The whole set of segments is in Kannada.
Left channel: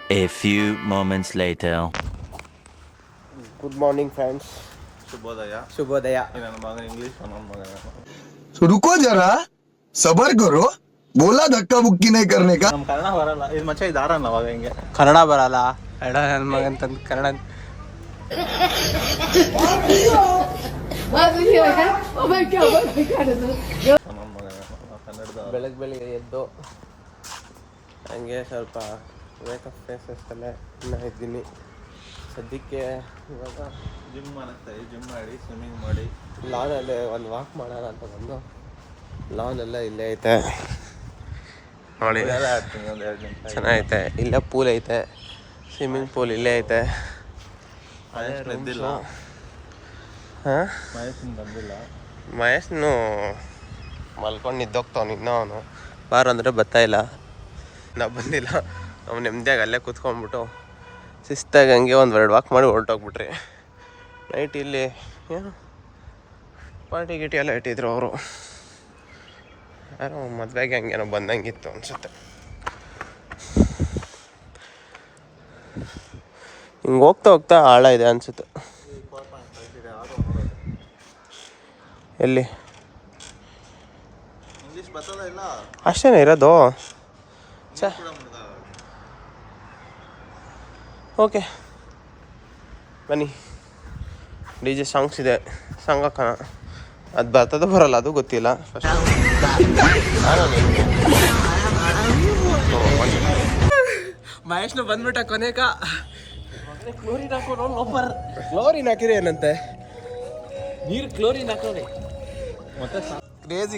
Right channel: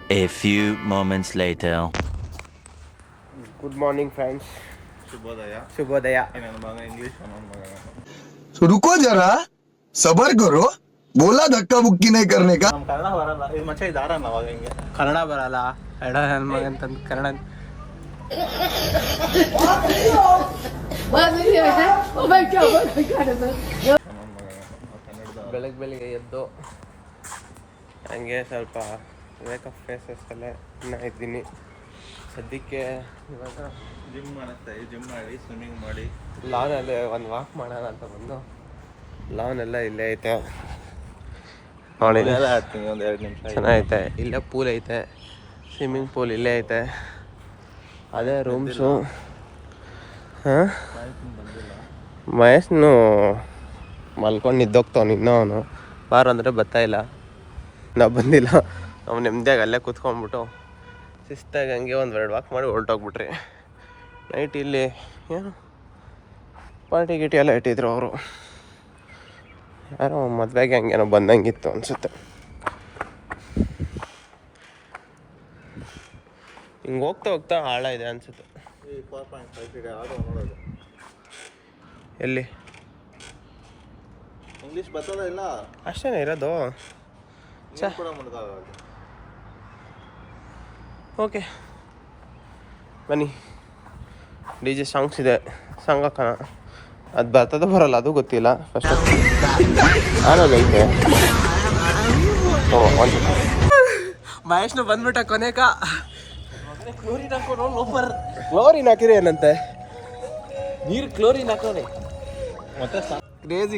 A few moments later. Good morning, friends. ಶುಭೋದಯ. ಶುಭೋದಯ. ನನ್ನ ಮಗ ಇಂಗ್ಲಿಷ್ ಮಗ. रुको जरा सबर करो बोला धक्का बुक्की नहीं करने का. ನಮ್ಮ ಕನ್ನಡ ಬರಲ್ಲ ಇದು ಮಚ್ಚ ಇದಾರಲ್ಲ ಅವಾಗ ಹಿಂಗೆ ಕನ್ನಡ ಬರಲ್ಲ ಎಡ ನನ್ನ ಮಗಂತಂದು ಕನ್ನಡ ಬೆಳಗ್ಗೆ ಎದ್ದು ಹಂಗೆ ಸ್ವಲ್ಪ ಮೇಕಪ್ ಫೇಸಸ್ ಎಲ್ಲ ಇನ್ನೂ ಇದ್ದೀನಿ ಸದ್ಯಕ್ಕೆ. ಇವಾಗ ಜಿಮ್ ಮಾಡಿ ಸ್ವಿಮ್ಮಿಂಗ್ ಮಾಡಿ ಲಾನಲ್ಲಿ ಒಂದು ವಾಕ್ ಮಾಡೋಣ ಅಂತ ಬಂದು ಲಾನ್ ಇಲ್ಲೇ ಐತೆ ನೋಡಿ, ಚೆನ್ನಾಗೈತೆ. ಇಲ್ಲೇ ಪೂಲ್ ಐತೆ, ಸ್ವಿಮ್ಮಿಂಗ್ ಪೂಲ್ ಇಲ್ಲೇ ಐತೆ. ಅದೇ ರೂಮ್ಸು. ಮಹೇಶ್ನು ಮಲ್ಕೊಂಡು ನಿದ್ದೋಗ್ತಾವನು ಇನ್ನೂ. ಅವನು ಬಾರ ಅಂದರೆ ಬರ್ತಾಯಿಲ್ಲ, ನಾವು ಬಂದಿಲ್ಲ. ನಾವು ನೆಮ್ಮದಿಯಾಗಿ ಅಲ್ಲೇ ಕೂತ್ಕೊಂಡ್ಬಿಟ್ಟು ಶಿಸ್ತಾಗಿ ಹಂಗೆ ಒಂದು 2 ವಾಕ್ ಮಾಡಿ ಹೊರಟೋಗ್ಬಿಟ್ರಿ. ನೈಟ್ ಇಲ್ಲಿ ಏನು ಪಾರ್ಟಿ ಗಿಟಿ ಎಲ್ಲ ಇಟ್ಟಿದ್ರು ಅವರು. ಯಾರೋ ಮದುವೆಗೆ ಹಂಗೇನೋ ಬಂದಂಗಿತ್ತು ಅನಿಸುತ್ತೆ. ಹಿಂಗೆ ಹೋಗ್ತಾ ಆಳ ಇದೆ ಅನಿಸುತ್ತೆ. ಎಲ್ಲಿ ಇಂಗ್ಲಿಷ್ ಬರ್ತದ ಇಲ್ಲ ಅಷ್ಟೇನೇ ಇರೋದು. ಓಕೆ ಬನ್ನಿ. DJ ಸಾಂಗ್ಸ್ ಇದೆ, ಸಾಂಗ್ ಹಾಕೋಣ. ಅದು ಬರ್ತದೋ ಬರಲ್ಲ ಅದು ಗೊತ್ತಿಲ್ಲ. ಮಹೇಶ್ನು ಬಂದ್ಬಿಟ್ಟ ಕೊನೆಕ. ಕ್ಲೋರಿನ್ ಹಾಕಿದ್ರೆ ಏನಂತೆ, ನೀರು ಕ್ಲೋರಿನ್ ಹಾಕೋನೆ. ಮತ್ತೆ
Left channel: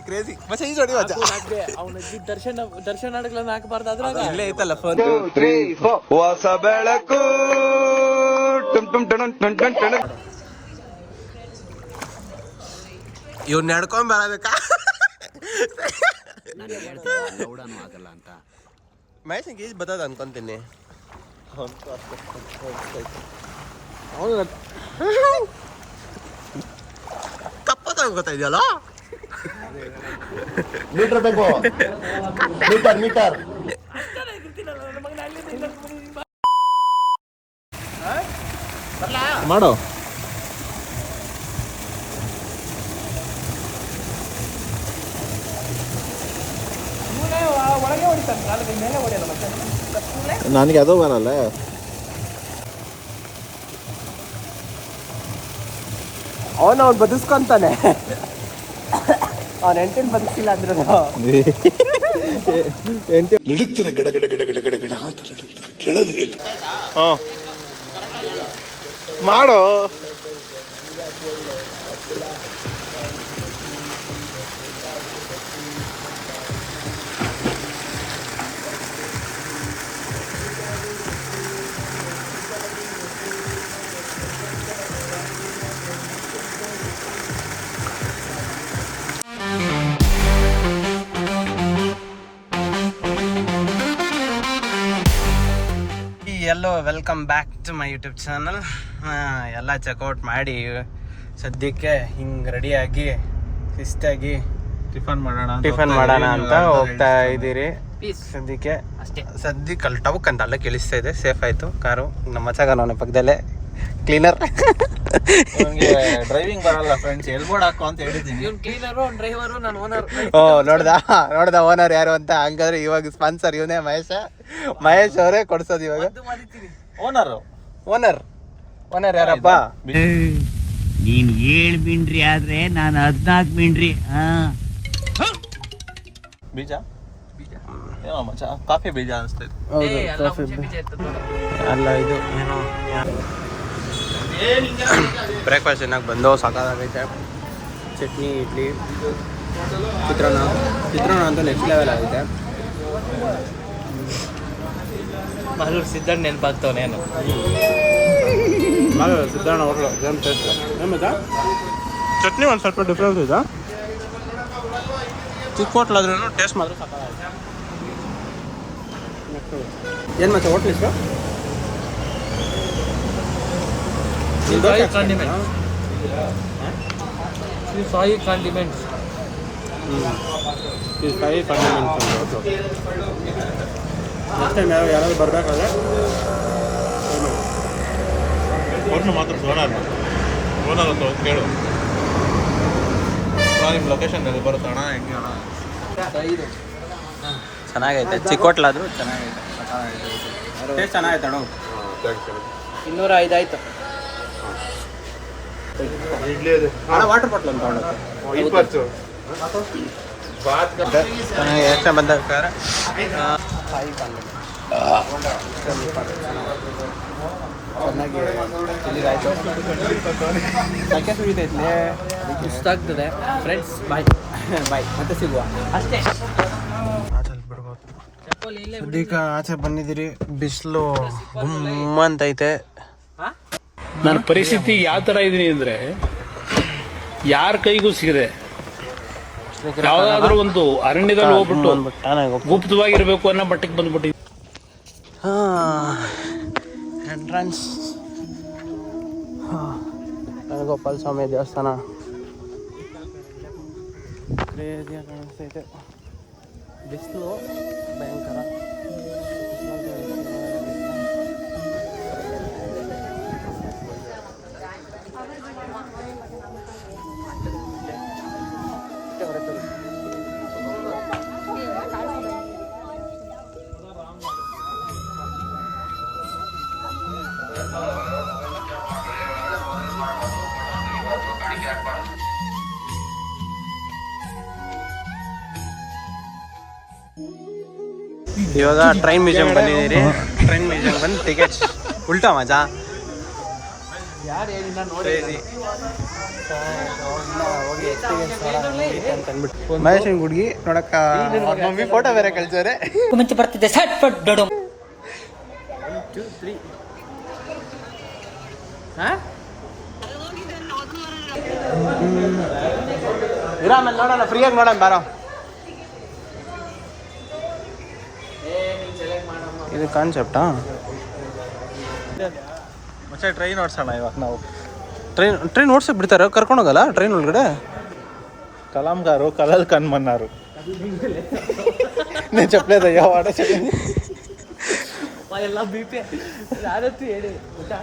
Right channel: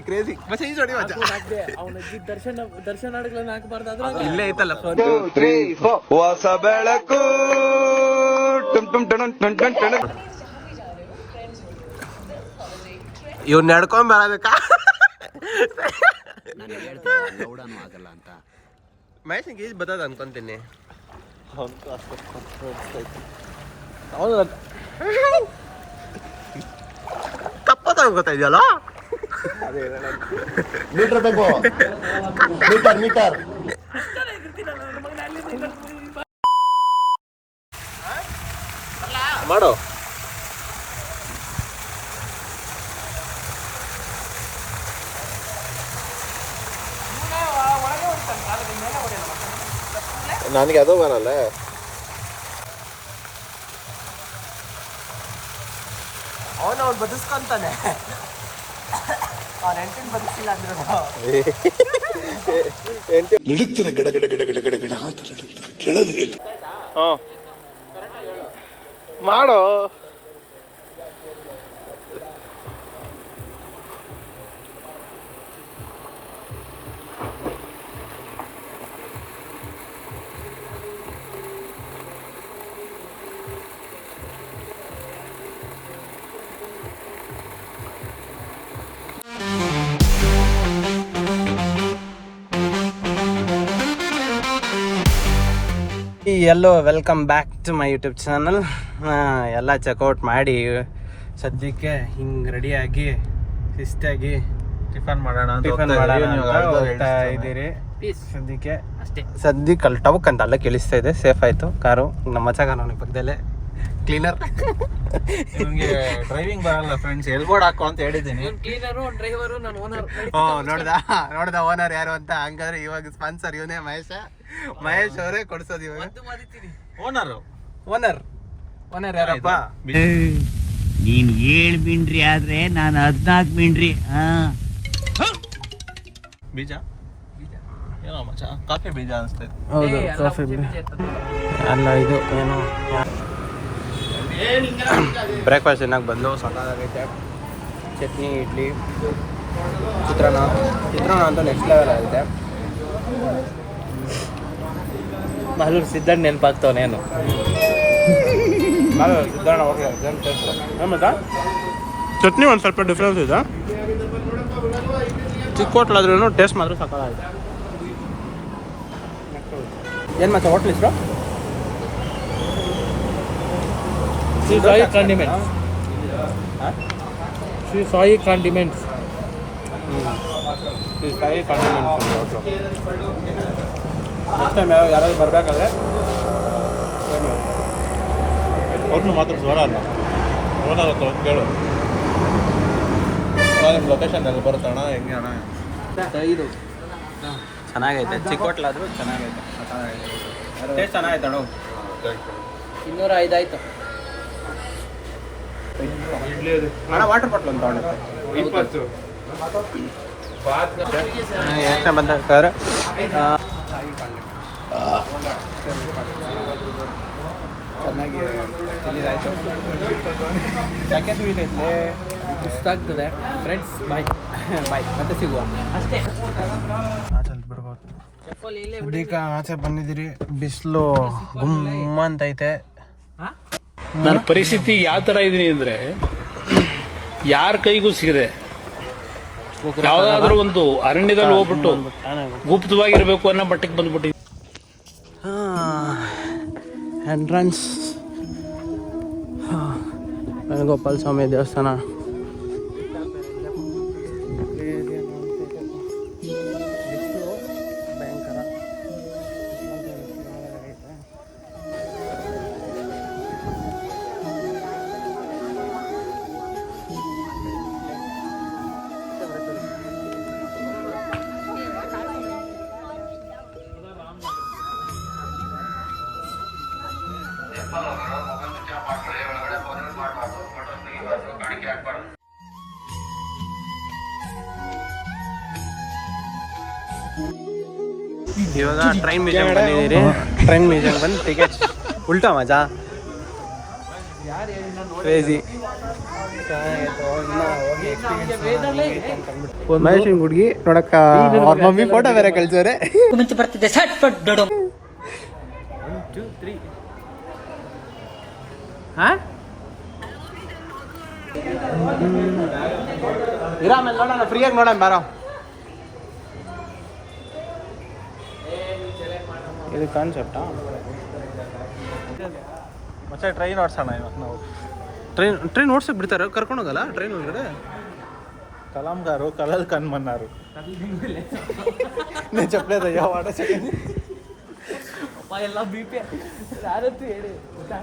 ಕ್ರೇಜಿ ಮತ್ತೆ ಈ ಜೋಡಿ ದರ್ಶನ ಹಾಕಬಾರ್ದು. ಇಲ್ಲೇ ಐತಲ್ಲ ಹೊಸ ಬೆಳಕು ಇವ್ನ ನಡ್ಕೊಂಡ್ ಬರಬೇಕಾ? ಮಹೇಶಂಗೆ ಈಜ್ ಬರ್ತದ ಅನ್ಕೊಂತೀನಿ. ಕಪ್ಪತ್ತ ಗೊತ್ತಾ ಇದೆಯಲ್ಲ. ಮೀಟರ್ ಬೇಕು, ಮೀಟರ್ ಮಾಡೋ. ನನಗೆ ಅದು ಬರಲ್ಲ. ಅವನು ಬದುಸ್ಕೊಂತಾನೆ. ಅವನ ಎಂಟೇನು ಬದುಕಿಲ್ಲ ಅಂದ್ರು ನಡುಕ್ತಾರೆ ಗಡ ಗಡ ಗಡ ಗಡ ಗಡ ಗಡ ಅಂತ ಕೇಳೋದೇ ಇಲ್ಲ. ಮಾಡೋ. ಎಲ್ಲೋ welcome back to my YouTube channel. ಎಲ್ಲ ಚೆಕ್ಔಟ್ ಮಾಡಿ ಸದ್ಯಕ್ಕೆ ಹಿಂಗೆ ರೆಡಿಯಾಗಿ ಶಿಸ್ತಾಗಿ ಟಿಫನ್ ಮಾಡೋಣ ಅಂತ ಹೋಗ್ತಾ ಇದ್ದೀರಿ. ಸದ್ಯಕ್ಕೆ ಅಲ್ಲಿ ಟವಕ್ ಅಂತ ಅಲ್ಲೇ ಕೇಳಿಸ್ತಾ ಇದೆ. ಸೇಫ್ ಆಯಿತು ಕಾರು. ನಮ್ಮ ಮಚಾಗ ಅವನ ಪಕ್ಕದಲ್ಲೇ ಕ್ಲೀನರ್. ಡ್ರೈವಿಂಗ್ ಬರಲ್ಲ ಫ್ರೆಂಡ್ಸ್, ಎಲ್ಬೋರ್ಡ್ ಹಾಕೋ ಅಂತ ಹೇಳಿದ್ದೀನಿ. ನೋಡ್ದ ಓನರ್ ಯಾರು ಅಂತ. ಹಂಗಾದ್ರೆ ಇವಾಗ ಸ್ಪಾನ್ಸರ್ ಇವನೇ ಮಹೇಶ್ ಅವರೇ ಕೊಡ್ಸೋದು ಇವಾಗ. ಓನರ್ ಯಾರಪ್ಪ? ನೀನ್ 7 ಮಿಂಡ್ರಿ ಆದ್ರೆ ನಾನು 14 ಮಿಂಡ್ರಿ. ಬೀಜ ಏನೋ ಮಚ್ಚ, ಕಾಫಿ ಬೀಜ ಅನಿಸ್ತೈತೆ. ಇದು ಏನೋ ಬ್ರೇಕ್ಫಾಸ್ಟ್ ಚೆನ್ನಾಗಿ ಬಂದು ಸಾಕಾಗೈತೆ. ಚಟ್ನಿ, ಇಡ್ಲಿ, ಚಿತ್ರಾನ್ನ ಅಂತ ನೆಕ್ಸ್ಟ್ ಲೆವೆಲ್ ಆಗಿದೆ. ಮಾಲೂರು ಸಿದ್ದಣ್ಣ ನೆನಪಾಗ್ತಾವನೇನು? ಸಿದ್ದಣ್ಣ ಹೋಗ್ಲ ಚಟ್ನಿ ಒಂದು ಸ್ವಲ್ಪ ಡಿಫ್ರೆನ್ಸ್ ಇದೆ. ಚಿಕ್ಕ ಹೋಟ್ಲಾದ್ರೂ ಟೇಸ್ಟ್ ಮಾತ್ರ ಸಾಕಾಗೈತೆ. ಏನು ಮತ್ತೆ ಹೋಟ್ಲ್ ಹೆಸರು? ಸಾಯಿ ಕಾಂಡಿಮೆಂಟ್ಸ್. ಫೈ ಕಡಿಮೆ ಮೆಣಸು ಹೋಟ್ಲು. ನೆಕ್ಸ್ಟ್ ಟೈಮ್ ಯಾರಾದ್ರು ಬರಬೇಕಾದ್ರೆ ಅವ್ರನ್ನ ಮಾತ್ರ ಬರಲ್ಲ, ಓನರ್ ಹತ್ರ ಹೋಗಿ ಕೇಳು. ನಿಮ್ಮ ಲೊಕೇಶನ್ ಎಲ್ಲಿ ಬರುತ್ತೆ ಅಣ್ಣ, ಹೆಂಗೆ ಅಣ್ಣ? ಚೆನ್ನಾಗೈತೆ, ಚಿಕ್ಕ ಹೋಟ್ಲಾದರೂ ಚೆನ್ನಾಗೈತೆ. ಟೇಸ್ಟ್ ಚೆನ್ನಾಗೈತೆ ಅಣ್ಣ. 205 ಆಯ್ತು. ವಾಟರ್ ಬಾಟ್ಲ್ ಅಂತ ತಗೊಂಡು ಚೆನ್ನಾಗಿ ಎಷ್ಟು ಬಂದ ಸರ್. ಚೆನ್ನಾಗಿ ತಿಳಿದಾಯ್ತು. ಸಕ್ಕೆ ಸ್ವೀಟ್ ಐತೆ, ಇಷ್ಟ ಆಗ್ತದೆ. ಫ್ರೆಂಡ್ಸ್ ಬಾಯ್ ಬಾಯ್, ಮತ್ತೆ ಸಿಗುವ. ಅಷ್ಟೇ ಆಚೆ ಬಿಡ್ಬೋದು. ಸದ್ಯಕ್ಕೆ ಆಚೆ ಬಂದಿದ್ದೀರಿ, ಬಿಸಿಲು ಗುಮ್ಮ ಅಂತೈತೆ. ನನ್ನ ಪರಿಸ್ಥಿತಿ ಯಾವ ಥರ ಇದೀನಿ ಅಂದರೆ, ಯಾರ ಕೈಗೂ ಸಿಗದೆ ಯಾವುದಾದ್ರೂ ಒಂದು ಅರಣ್ಯದಲ್ಲಿ ಹೋಗ್ಬಿಟ್ಟು ಗುಪ್ತವಾಗಿರ್ಬೇಕು ಅನ್ನೋ ಮಟ್ಟಕ್ಕೆ ಬಂದ್ಬಿಟ್ಟು. ಎಂಟ್ರೆನ್ಸ್ ಗೋಪಾಲ ಸ್ವಾಮಿ ದೇವಸ್ಥಾನ. ಬಿಸಿಲು ಭಯಂಕರ. ಇವಾಗ ಟ್ರೈನ್ ಮ್ಯೂಸಿಯಂ ಬಂದಿದ್ದೀರಿ. ಟ್ರೈನ್ ಮ್ಯೂಸಿಯಂ ಬಂದು ಟಿಕೆಟ್ ಉಲ್ಟಾ ಮಜಾ, ಕ್ರೇಜಿ. ಮಹೇಶನ್ ಗುಡ್ಗಿ ನೋಡಕ್ಕ ಅವ್ರ ಮಮ್ಮಿ ಫೋಟೋ ಬೇರೆ ಕಳ್ಸಿದ್ರೆ ಮುಂಚೆ ಬರ್ತಿದ್ದೆ ಸಟ್ ಪಟ್ ಬಿಡು. 1 2 3 ಇರಾಮೇಲೆ ನೋಡೋಣ, ಫ್ರೀಯಾಗಿ ನೋಡೋಣ ಬಾರೋ. ಇದು ಕಾನ್ಸೆಪ್ಟಾ? ಮತ್ತೆ ಟ್ರೈನ್ ಓಡಿಸೋಣ ಇವಾಗ ನಾವು. ಟ್ರೈನ್ ಓಡ್ಸಕ್ಕೆ ಬಿಡ್ತಾರೆ, ಕರ್ಕೊಂಡು ಹೋಗಲ್ಲ ಟ್ರೈನ್ ಒಳಗಡೆ? ಕಲಾಂಗಾರು ಕಲಲ್ ಕಣ್ಮನ್ನಾರು నేను చెప్పలేదయ్యా వాడే చెప్పింది. ಎಲ್ಲ BP ಯಾರತ್ತು ಹೇಳಿ ಗೊತ್ತಾ?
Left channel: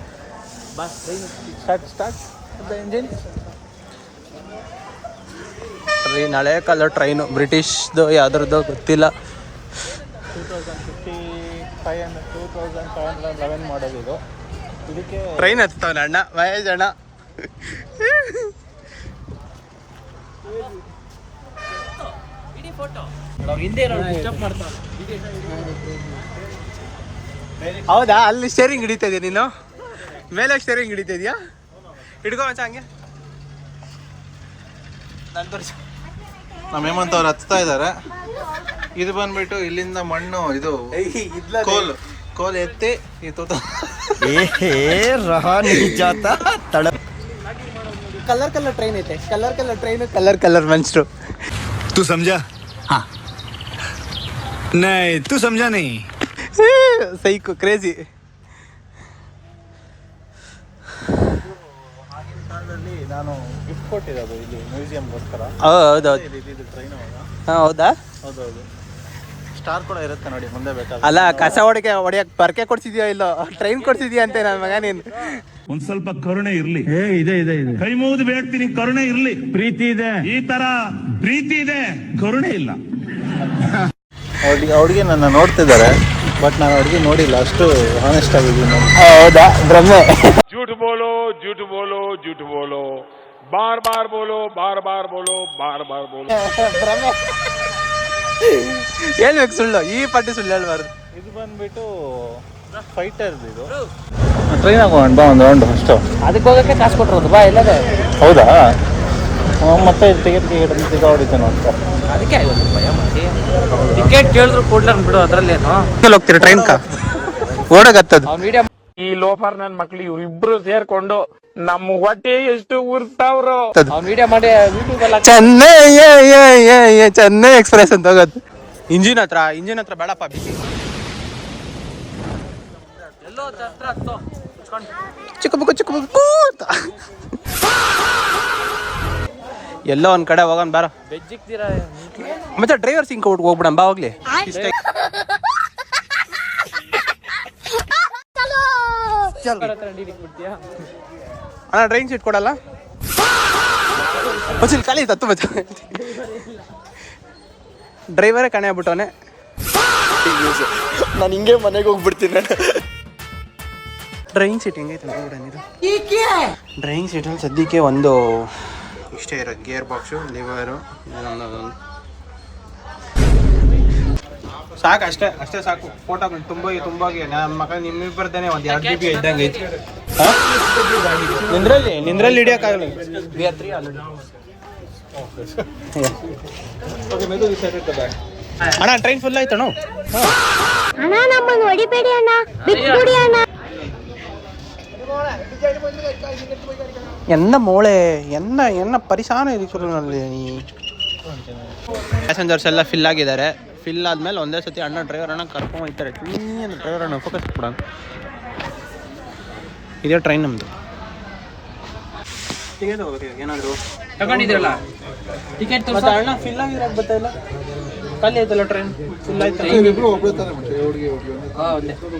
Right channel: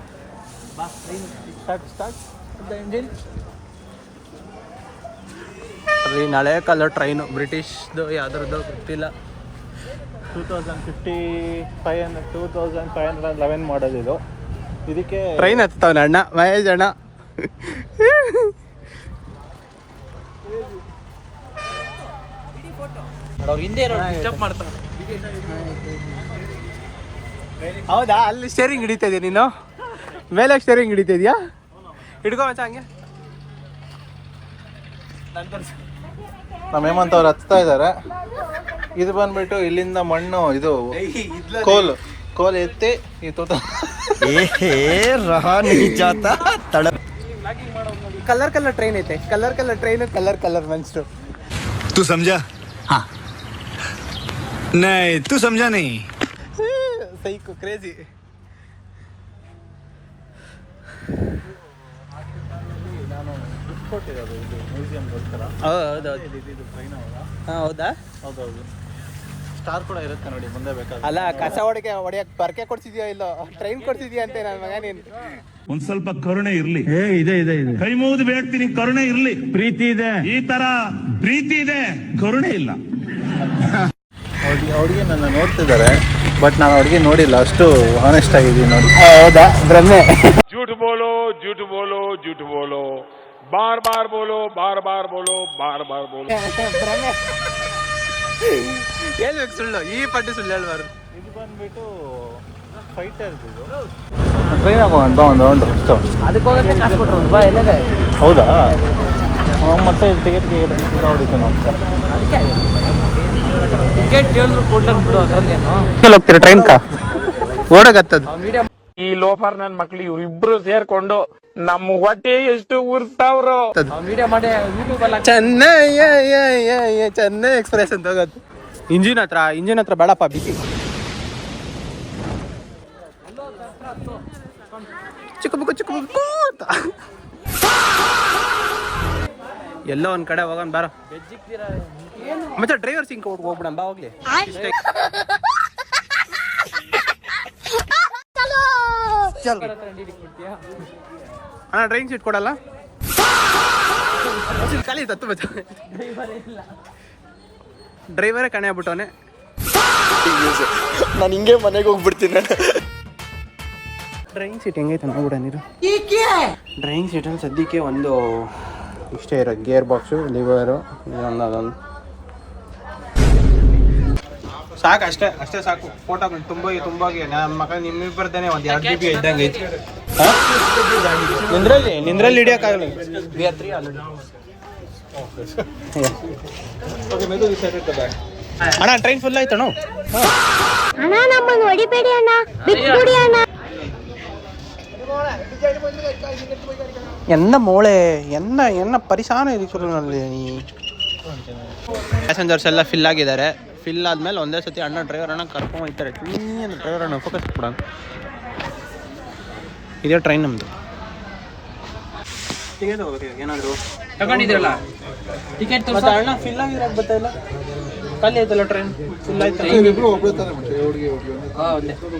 ಬಾ ಟ್ರೈನ್ ಸ್ಟಾರ್ಟ್ ಇಂಜಿನ್. ಟ್ರೈನ್ ಹಳೆ ಕಾಲ ಟ್ರೈನು, ಬ್ರಿಟಿಷ್ದು ಯಾವ್ದ್ರದ್ದು ಗೊತ್ತಿಲ್ಲ. 2011 ಮಾಡೋದು ಇದು. ಇದಕ್ಕೆ ಟ್ರೈನ್ ಹತ್ತವನ ಅಣ್ಣ ಮಹೇಶ್ ಅಣ್ಣ. ಹಿಂದೆ ಡಿಸ್ಟರ್ಬ್ ಮಾಡ್ತಾರೆ. ಹೌದಾ? ಅಲ್ಲಿ ಸ್ಟೇರಿಂಗ್ ಹಿಡಿತಾ ಇದೆಯಾ ನೀನು? ಮೇಲೆ ಸ್ಟೇರಿಂಗ್ ಹಿಡಿತಾ ಇದೆಯಾ? ಹಿಡ್ಕೊ ಮಚ್ಚ ಹಂಗೆ. ನಮ್ಮ ಹೇಮಂತ್ ಅವ್ರು ಹತ್ತಾ ಇದ್ದಾರೆ. ಇದು ಬಂದ್ಬಿಟ್ಟು ಇಲ್ಲಿಂದ ಮಣ್ಣು, ಇದು ಕೋಲ್ ಎತ್ತಿ ಈ ತೋಟ ಕಲರ್ ಟ್ರೈನ್ ಐತೆ, ಕಲರ್ ಟ್ರೈನು, ಕಲರ್ ಮನ್ಸ್ರು. तू समझा? हाँ नहीं तू समझा नहीं. Psycho crazy. ನಾನು ಗಿಫ್ಟ್ ಕೊಟ್ಟಿರೋದು ಇಲ್ಲಿ ಮ್ಯೂಸಿಯಂಗೋಸ್ಕರ. ಹೌದೌದು. ಟ್ರೈನ್ ಹಾಂ ಹೌದಾ? ಹೌದೌದು. ಸ್ಟಾರ್ ಕೂಡ ಇರುತ್ತೆ ನೋಡಿ ಮುಂದೆ ಬೇಕಾದ್ರೆ. ಅಲ್ಲ, ಕಸ ಹೊಡಿಯಕ್ಕೆ ಪರ್ಕೆ ಕೊಡ್ಸಿದ್ಯೋ ಇಲ್ಲೋ, ಟ್ರೈನ್ ಕೊಡ್ಸಿದ್ಯಾ ಅಂತೆ ನನ್ನ ಮಗ ನೀನು. ಒಂದ್ ಸ್ವಲ್ಪ ಕರುಣೆ ಇರ್ಲಿ. ಇದೆ ಕೈ ಮುಗಿದು ಬೇಡ್ತೀನಿ, ಕರುಣೆ ಇರ್ಲಿ. ಪ್ರೀತಿ ಇದೆ, ಈ ತರ ಪ್ರೀತಿ ಇದೆ, ಕರುಣೆ ಇಲ್ಲ. ಅವ್ರಿಗೆ ನನ್ನ ನೋಡ್ತಿದ್ದಾರೆ, ಬಟ್ ನಾನು ಅವ್ರಿಗೆ ನೋಡಿಲ್ಲ. ಅಷ್ಟು ಆನೆಸ್ಟ್ ಆಗಿದ್ದೀವಿ ನೋಡಿ. ಹೌದಾ? ಬ್ರಹ್ಮೆ. झूठ बोलो झूठ बोलो झूठ बोलो, बार बार बोलो बार बार बोलो बार बार बोलो. ಬ್ರಹ್ಮೆ ಹೇಳ್ಬೇಕು, ಸುಳ್ಳು ಈ ಪಟ್ಟಿ ಸುಳ್ಳು ಹೇಳ್ಬಾರ್ದು. ಇದು ಬಂದ್ಬಿಟ್ಟು ಫೈಟರ್ಸ್. ಇದು ಟ್ರೈನ್ ಹಾಕೊಂಡು ಬಾ ಒಂದು ರೌಂಡ್ ಅಷ್ಟು. ಅದಕ್ಕೆ ಹೋಗಕ್ಕೆ ಕಾಸು ಕೊಟ್ಟರು ಬಾ ಇಲ್ಲದೆ. ಹೌದಾ? ಮತ್ತೆ ಟಿಕೆಟ್ಗೆ ಹೊಡಿತಾನೆ ಅಂತ ಅದಕ್ಕೆ ಟಿಕೆಟ್ ಕೇಳಿದ್ರು ಕೊಡ್ಲ ಬಿಡು. ಅದರಲ್ಲಿ ಹೋಗ್ತೀರಾ ಟ್ರೈನ್ ಕಾ ಓಡಗತ್ತದು. ಈ ಲೋಫರ್ ನನ್ ಮಕ್ಳು ಇವ್ರಿಬ್ರು ಸೇರ್ಕೊಂಡು ನಮ್ಮ ಹೊಟ್ಟೆ ಎಷ್ಟು ಉರ್ತಾವ್ರು. ಮೀಡಿಯಾ ಮಾಡಿ ಚೆನ್ನೈ ಎಕ್ಸ್ಪ್ರೆಸ್ ಅಂತ ಹೋಗೋದು. ಇಂಜಿನ್ ಹತ್ರ ಬೇಡಪ್ಪ, ಬಿಸಿ. ಚಿಕ್ಕ ಬುಕ್ಕು ಅಂತ ಎಲ್ಲೋ ಒಂದು ಕಡೆ ಹೋಗೋಣ ಬಾರ. ಬೆಜ್ಜಿಕ್ತೀರಾ ಮತ್ತೆ ಡ್ರೈವರ್ ಸಿಂಕ್ ಹೋಗ್ಬಿಡಣ ಬಾ ಹೋಗ್ಲಿ. ಅಣ್ಣ ಡ್ರೈವಿಂಗ್ ಸೀಟ್ ಕೊಡಲ್ಲ ಖಾಲಿ ತತ್ತು ಬಚ್ಚ ಡ್ರೈವರೇ ಕಣೆ ಆಗ್ಬಿಟ್ಟವನೆ. ನಾನು ಹಿಂಗೆ ಮನೆಗೆ ಹೋಗ್ಬಿಡ್ತೀನಿ. ಡ್ರೈವಿಂಗ್ ಸೀಟ್ ಹೆಂಗೈತೆ ನೋಡ ನೀರು. ಡ್ರೈವಿಂಗ್ ಸೀಟಲ್ಲಿ ಸದ್ಯಕ್ಕೆ ಒಂದು ಇಷ್ಟೇ ಇರೋದು, ಗೇರ್ ಬಾಕ್ಸು, ಲಿವರು, ಅದೊಂದು ಸಾಕು. ಅಷ್ಟೇ ಸಾಕು. ಫೋಟೋ ತುಂಬಾಗಿ ನಮ್ಮ ಮಗ ನಿಮ್ಮಿಬ್ಬರದೇನೆ ಒಂದು 2 GB ಇದ್ದಂಗೆ ಐತಿ. ನಿಂದ್ರಲ್ಲಿ ಹಿಡಿಯೋಕ್ಕಾಗಲ್ಲ. ಅಣ್ಣ ಟ್ರೈನ್ ಫುಲ್ ಆಯ್ತಣ್ಣ. ಅಣ್ಣ ನಮ್ಮನ್ನು ಹೊಡಿಬೇಡಿ ಅಣ್ಣ, ಬಿಟ್ಬಿಡಿ ಅಣ್ಣ. ಎನ್ನ ಮೋಳೆ ಎನ್ನ ಪರಿಸಾನ ಇದೆ ಚುರುನಲ್ಲಿ. ಪ್ಯಾಸೆಂಜರ್ಸ್ ಎಲ್ಲ ಫಿಲ್ ಆಗಿದ್ದಾರೆ. ಫಿಲ್ ಆದ್ಮೇಲೆ ಒಂದೇ ಸತಿ ಅಣ್ಣ ಡ್ರೈವರ್ ಅಣ್ಣ ಕರ್ಕೊಂಡು ಹೋಗ್ತಾರೆ. ಡ್ರೈವರ್ ಅಣ್ಣ ಫೋಕಸ್ ಕೊಡೋಣ. ಇದೇ ಟ್ರೈನ್ ನಮ್ಮದು. ಟಿಕೆಟ್ ಹೋಗ್ಬೇಕು ಏನಾದರೂ ತಗೊಂಡಿದ್ರಲ್ಲ ಟಿಕೆಟ್ ಮತ್ತೆ ಅಣ್ಣ ಫಿಲ್ ಆಗಿರೋದು ಗೊತ್ತಾಯಿಲ್ಲ. ಖಾಲಿ ಆಯ್ತಲ್ಲ ಟ್ರೈನ್, ಫುಲ್ ಆಯ್ತು.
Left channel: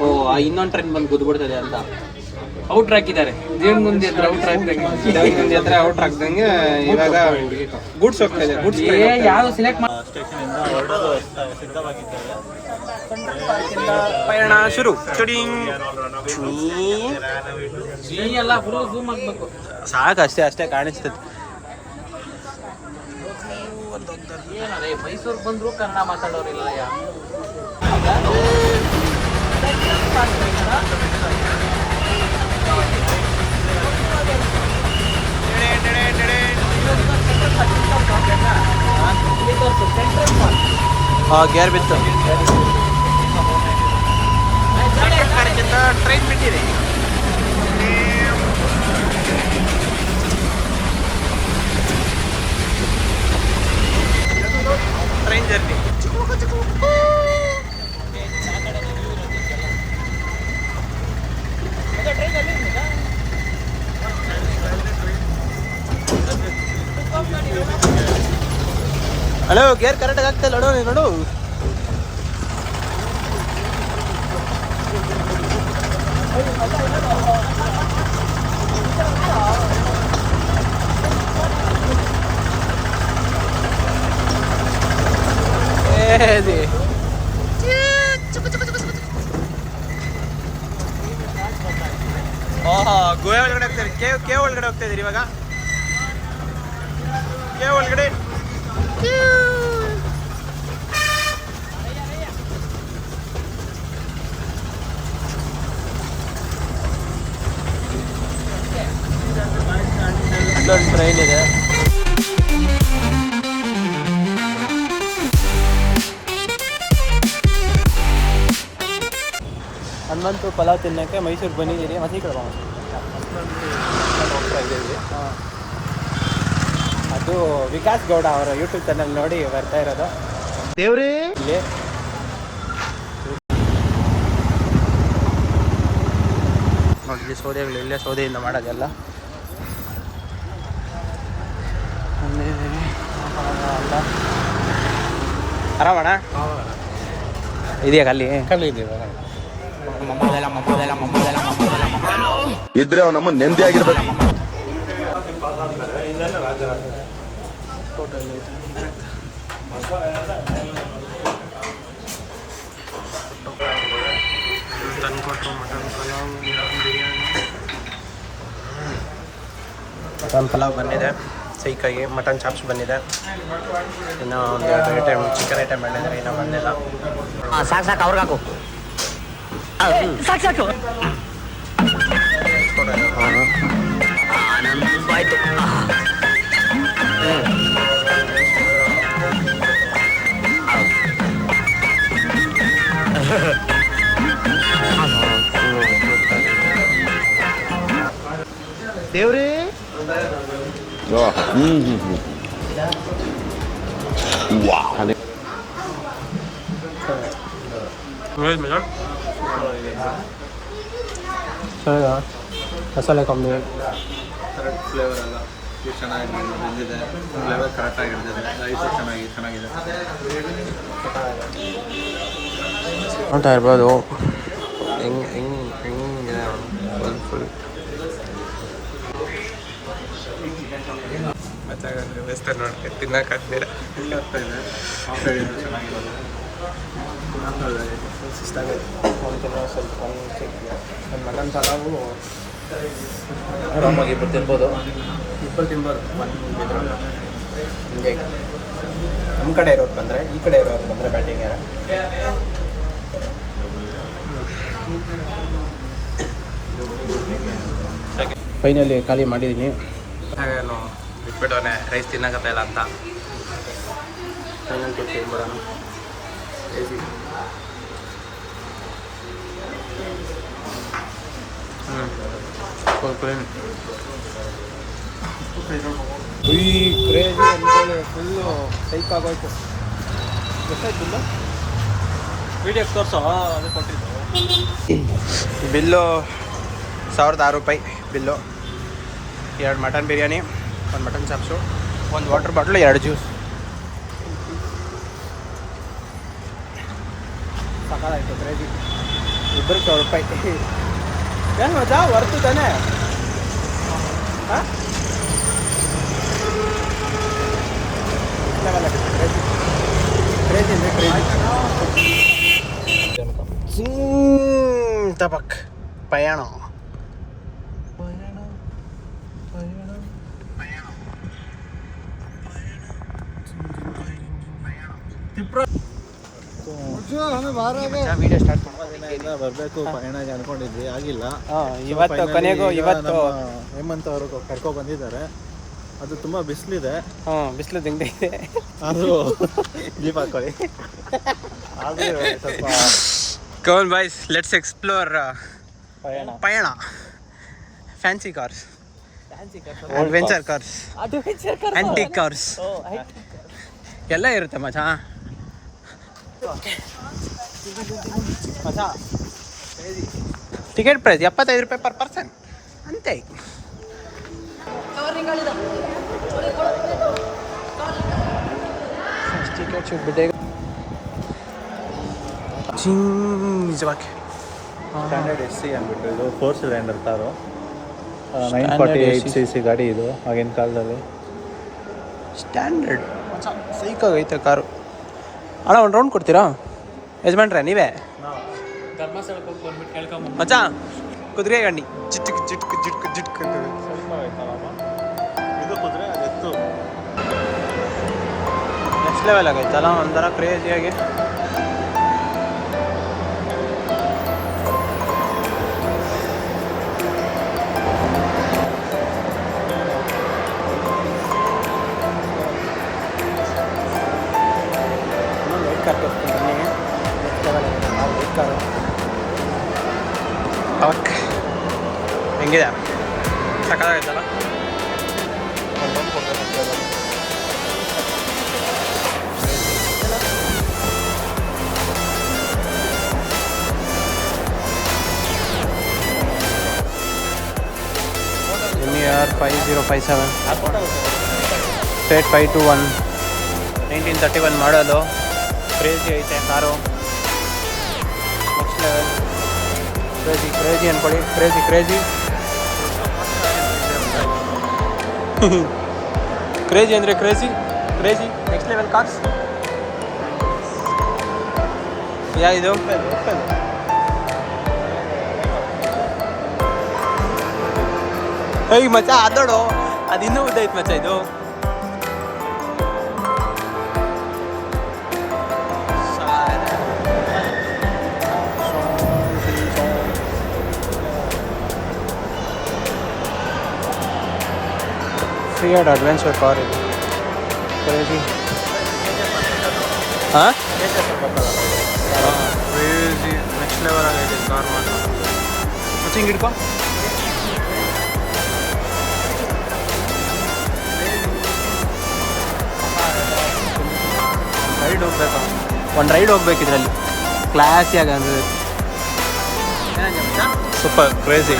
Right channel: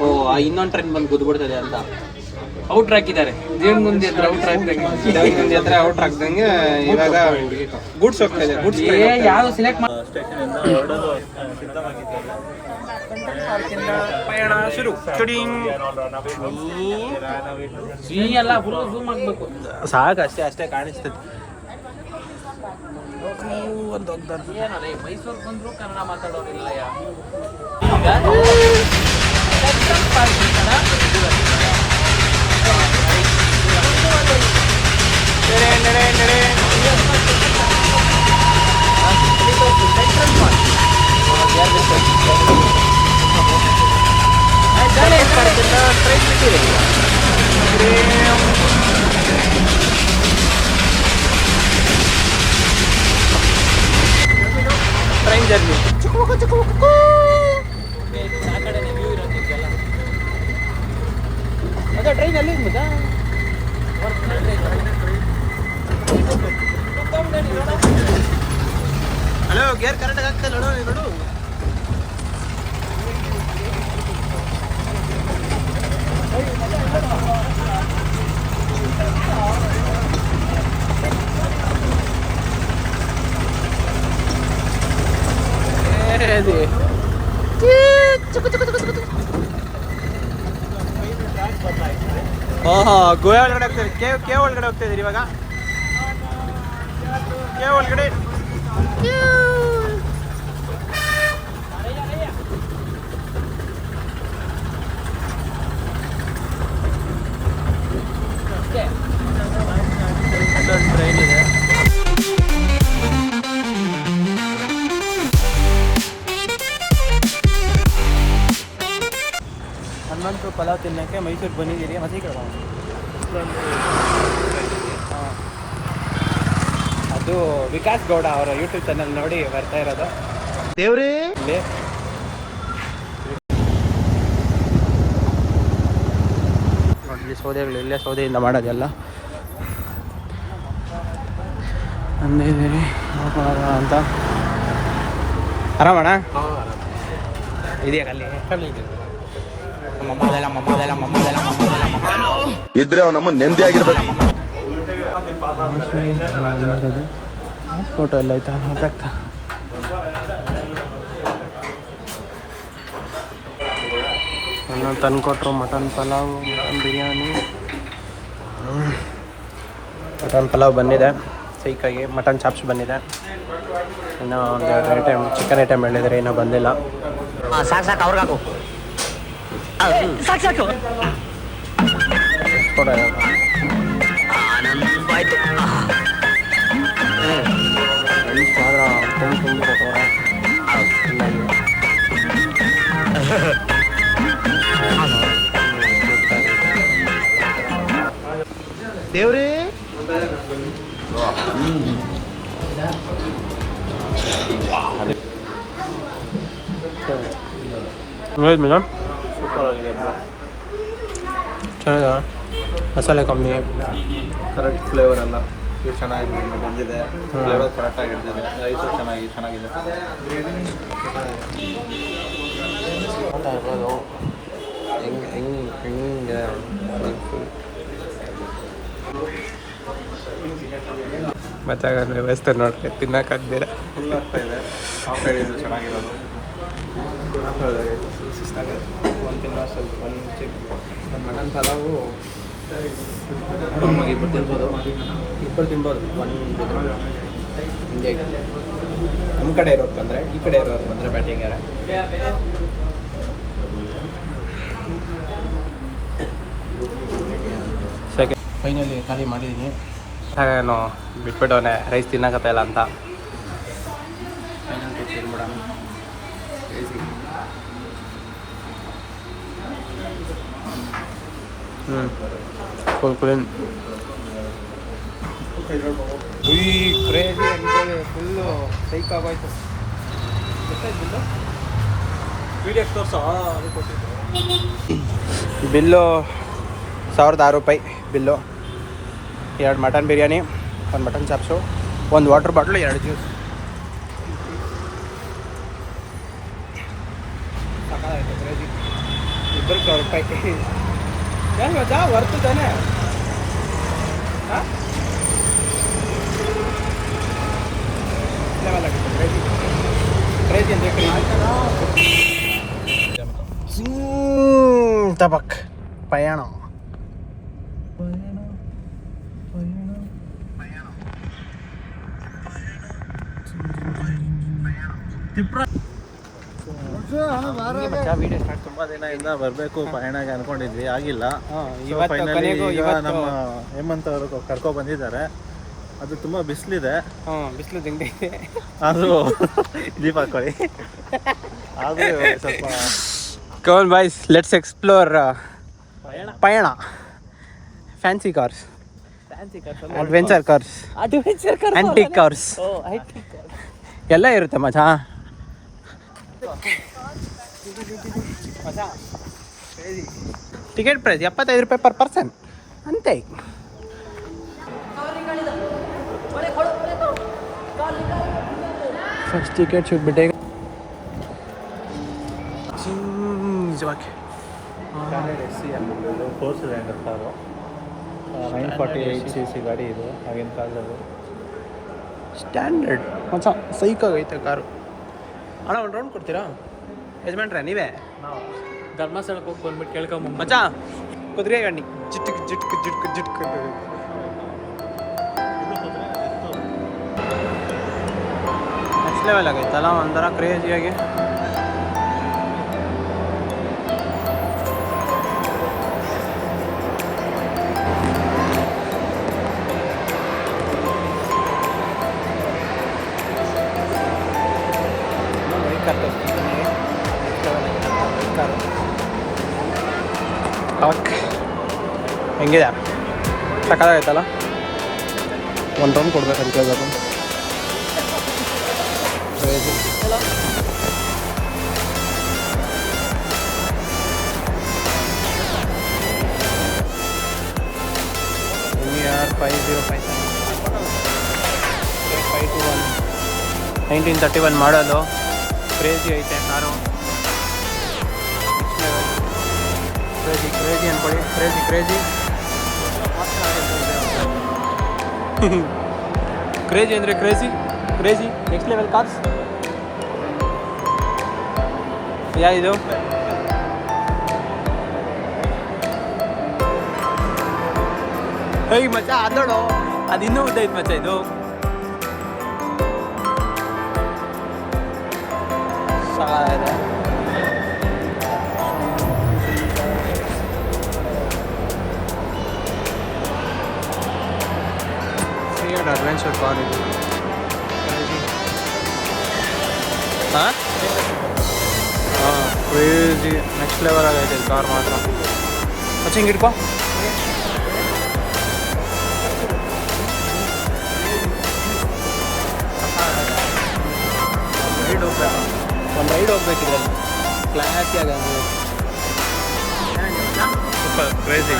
ಓ ಇನ್ನೊಂದು ಟ್ರೈನ್ ಬಂದು ಗುದ್ಬಿಡ್ತದೆ ಅಂತ ಔಟ್ರ್ ಹಾಕಿದ್ದಾರೆ. ದೇವ್ರ ಮುಂದೆ ಹತ್ರ ಔಟ್ರ್ ಹಾಕಿದಂಗೆ ಔಟ್ ಹಾಕ್ದಂಗೆ ಇವಾಗ ಗೂಡ್ಸ್ ಹೋಗ್ತಾ ಇದೆ. ಗೂಡ್ಸ್ ಯಾವ್ದು ಸೆಲೆಕ್ಟ್ ಮಾಡಿ ಪಯಣ ಶುರು. ಎಲ್ಲ ಫುಲ್ ಝೂಮ್ ಆಗ್ಬೇಕು. ಸಾಕು ಅಷ್ಟೇ ಕಾಣಿಸ್ತದೆ. ಏನರೇ ಮೈಸೂರು ಬಂದ್ರು ಕನ್ನಡ ಮಾತಾಡೋರಿಲ್ಲ. ಗೇರ್ ಬಿತ್ತು. ಟ್ರೈನ್ ಬಿಟ್ಟಿದೆ. Train journey. ಹಲೋ ಗೇರ್ ಕರೆಕ್ಟಾಗಿ ಆಗ್ತಾ ಇಲ್ಲ ನೋಡು. ಗೋವಾ ಒಳಗಡೆ ಹೋಗ್ತಾರೆ. ಕೆ ಒಳಗಡೆ ಹೋಗ್ತಾ ಇದೀರಿ ಇವಾಗ. ಕೆ ಒಳಗಡೆ ಅಲ್ಲೊಂದು ಟ್ರೈನ್ ಇದೆ. ಹನುಮಂತು ಪಲಾವ್ ತಿನ್ನೋಕ್ಕೆ ಮೈಸೂರಿಗೆ ಬಂದಿದ್ದೀರಿ. ಮತ್ತೆ ಈ ಕಡೆ ಹೋಗ್ತಾ ಇದ್ದೀವಿ. ಅದು ವಿಕಾಸ್ ಗೌಡ ಅವರ ಯೂಟ್ಯೂಬ್ ಚಾನಲ್ ನೋಡಿ ಬರ್ತಾ ಇರೋದು. ದೇವ್ರೇ ಇಲ್ಲಿ ನೋಡಿ ಸೌದೆಗಳು ಇಲ್ಲೇ ಸೌದೆಯಿಂದ ಮಾಡೋದೆಲ್ಲ. ಆರಾಮಣ್ಣ ಇದೆಯಾ ಖಾಲಿ ಇದ್ರೆ ನಮ್ಮ ನೆಮ್ಮದಿ ಆಗಿರ್ಬೇಕು. ಊಟ ಎಲ್ಲ ಆಯ್ತಾ? ತಂದು ಕೊಟ್ಟರು mutton pulao, mutton biryani. Mutton pulao ಬಂದಿದೆ ಸೈಕಾಗಿ. ಮಟನ್ ಚಾಪ್ಸ್ ಬಂದಿದೆ. ಇನ್ನೂ ಒಂದೆರಡು ಐಟಮ್ ಚಿಕನ್ ಐಟಮ್ ಹೇಳಿದರೆ ಇನ್ನೂ ಬಂದಿಲ್ಲ. ಸಾಕು ಅವ್ರಿಗಾಕು ಸಾಕು ಆನಂದಾಯ್ತು. ದೇವ್ರೇ ಮೇಡಮ್ ಮಸಾಲೆ ಕಮ್ಮಿ, ಕರೆಕ್ಟ್ ಫ್ಲೇವರ್ ಎಲ್ಲ. ಇದು ಚೆನ್ನಾಗಿ ಬಂದಿದೆ, ಫ್ಲೇವರ್ ಕರೆಕ್ಟಾಗಿ ಹಿಡಿದಿದೆ, ರೈಸು ಚೆನ್ನಾಗಿದೆ. ನೋಡ್ತಾ ಇರ್ಬೋದು ಹೆಂಗೆ ಫುಲ್ ಮತ್ತಾಗಂದ್ರೆ ವ್ಯವಸ್ಥೆ ನೋಡ್ಕೊಂಡು ತಿನ್ನೋಕ್ಕಾಗ್ದಿರ ಫುಲ್ ಆಗ್ತಾಯಿದೆ. ಆ ಸೈಡ್ ಚೆನ್ನಾಗಿರೋದು ಒಂದು ಮಟನ್ ಪಲಾವು ಆರಾಮಾಗಿ ತಿನ್ಬೋದು. ಇಬ್ಬರು ತಿನ್ಬೋದು. ಒಂದು ಹಿಂಗೆ ನಮ್ಮ ಕಡೆ ಇರೋದು ಬಂದರೆ, ಈ ಕಡೆ ಇರೋದು ಬಂದರೆ ಬ್ಯಾಟಿಂಗ್ ಯಾರ ಫೈನಲಿ ಖಾಲಿ ಮಾಡಿದ್ದೀನಿ. ನಾನು ಬಿಟ್ಬಿಟ್ಟವನೆ ರೈಸ್ ತಿನ್ನಕತ್ತ ಇಲ್ಲ ಅಂತ. ಫೈನಲ್ ಕೊಟ್ಟು ತಿನ್ಬಿಡೋಣ. ಫುಲ್ ಕ್ಲೀನ್ ಕ್ರೇಜಿ ಅನ್ಕೊಳ್ಳಿ, ಫುಲ್ಲು ಸೈಕ್ ಆಗೋಯ್ತು. ಎಷ್ಟಾಯ್ತು ಬಿಲ್ಲು? 1006 ರೂಪಾಯಿ bill. 2 mutton biryani, 1 mutton chops, 1 water bottle, 2 juice. ಸಾಕಾಯ್ತು ಕ್ರೇಜಿ. ಇಬ್ಬರಿಗೆ 100 ರೂಪಾಯಿ. ಏನು ಮಜಾ ವರ್ತು ತಾನೆ? ಹಾಂ ಲೆವೆಲ್ ಆಗುತ್ತೆ. ಕ್ರೇಜಿ ಅಂದರೆ ಕ್ರೇಜಿ. ತಬಕ್ ಪಯಣ. Video start. ತುಂಬ ದಿನ ಇಲ್ಲ ಬರಬೇಕು ಪಯಣಗೆ ಅನ್ಕೊಂಡಿದ್ವಿ, ಆಗಿಲ್ಲ. ಇವತ್ತು ನಮ್ಮ ಹೇಮಂತ್ ಅವರು ಕರ್ಕೊ ಬಂದಿದ್ದಾರೆ. ಅದು ತುಂಬ ಬಿಸಿಲಿದೆ. ಬಿಸಿಲು ತೆಗ್ದಿದೆ. ಆದರೂ ದೀಪ ಹಾಕೊಳ್ಳಿ. ಕೌನ್ ಬಾಯ್ಸ್, ಲೆಟ್ಸ್ ಎಕ್ಸ್ಪ್ಲೋರ್ ಪಯಣ. Fancy cars, adventure cars, antique cars ಎಲ್ಲ ಇರುತ್ತೆ ಮಚಾ. ಟಿಕೆಟ್ ಪ್ರೈಸ್ 75 ರೂಪಾಯಿ ಪರ್ ಪರ್ಸನ್ ಅಂತೆ. Ticket should be taken. Standard SC ಅಂದ್ಬಿಟ್ಟು ಇದು 4 ಸಿಲಿಂಡರ್ ಕಾರು. 948 cc ಗಾಡಿ ಇದು ಆಗಿನ ಕಾಲದಲ್ಲಿ. ಸ್ಟ್ಯಾಂಡರ್ಡ್ ಮಚ್ಚ ಸೈಕಾಗೈತೆ ಕಾರು. ಅಣ್ಣ ಒಂದು ರೌಂಡ್ ಕೊಡ್ತೀರಾ ಯಜಮಾನ್ರೆ? ನೀವೇ ಮಚ್ಚ ಕುದುರೆ ಗಂಡಿ ಜಿಟ್ಕು ಜಿಟ್ಕು ಜಿಟ್ಕು ಜಿಟ್ಕು. ನೆಕ್ಸ್ಟ್ ಲೆವೆಲ್ ಆಗೈತಲ್ಲ, ಒಂಥರ ಕ್ರೇಜಿಯಾಗಿ. ಅವಕ್ ಹೆಂಗಿದೆ? ಸಕ್ಕತ್ತಾಗೈತಲ್ಲ. ಒಂದು ರೌಂಡ್ ಕೊಡ್ಬೇಕು. MER 5057 ಸ್ಟೇಟ್ 521 1931 ಮಾಡಲು. ಕ್ರೇಜಿ ಐತೆ ಕಾರು. Next level. ಕ್ರೇಜಿ ಅನ್ಕೊಳ್ಳಿ. ಕ್ರೇಜಿ ಕ್ರೇಜಿ ಅಂದರೆ ಕ್ರೇಜಿ ನೆಕ್ಸ್ಟ್ ಲೆವೆಲ್ ಕಾರ್ಸ್. ಯಾವುದು? ಹೇಗೆ ಮಚ್ಚ ಅದೋಡು, ಅದು ಇನ್ನೂ ಉದ್ದೈತೆ ಮಚ್ಚ ಇದು. ಫಿಯಟ್ ಅಡ್ವೆಂಚರ್ ಕಾರ್ ಇದು. ಹಾಂ ಕ್ರೇಜಿ ನೆಕ್ಸ್ಟ್ ಲೆವೆಲ್ ಆಗೈತೆ ಕಾರ್ ಮಾತ್ರ. ಮತ್ತೆ ಹಿಂಗೆ ಹಿಡ್ಕೊ. ಒಂದು ರೈಡ್ ಹೋಗ್ಬೇಕಿದ್ರಲ್ಲಿ ಕ್ಲಾಸಿಯಾಗಿ ಅಂದರೆ super crazy.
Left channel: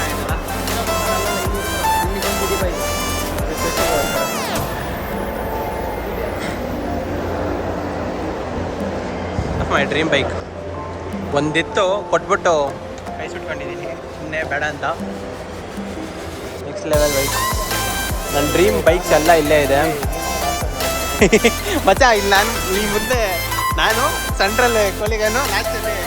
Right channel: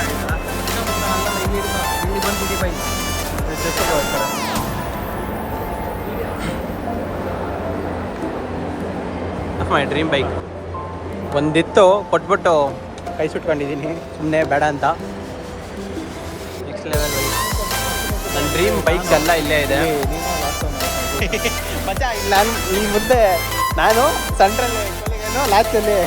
Of my dream bike. ಒಂದಿತ್ತು ಕೊಟ್ಬಿಟ್ಟು ಕೈ ಸುಟ್ಕೊಂಡಿದ್ದೀನಿ ಸುಮ್ಮನೆ ಬೇಡ ಅಂತ. Next level bike. ನನ್ನ ಡ್ರೀಮ್ ಬೈಕ್ಸ್ ಎಲ್ಲ ಇಲ್ಲೇ ಇದೆ ಮಚ್ಚ. ಇಲ್ಲಿ ನಾನು ಈ ಮುಂದೆ ನಾನು ಸೆಂಟ್ರಲ್ಲಿ ಕೊಲಿಗೇನು ಲಾಸ್ಟಲ್ಲಿ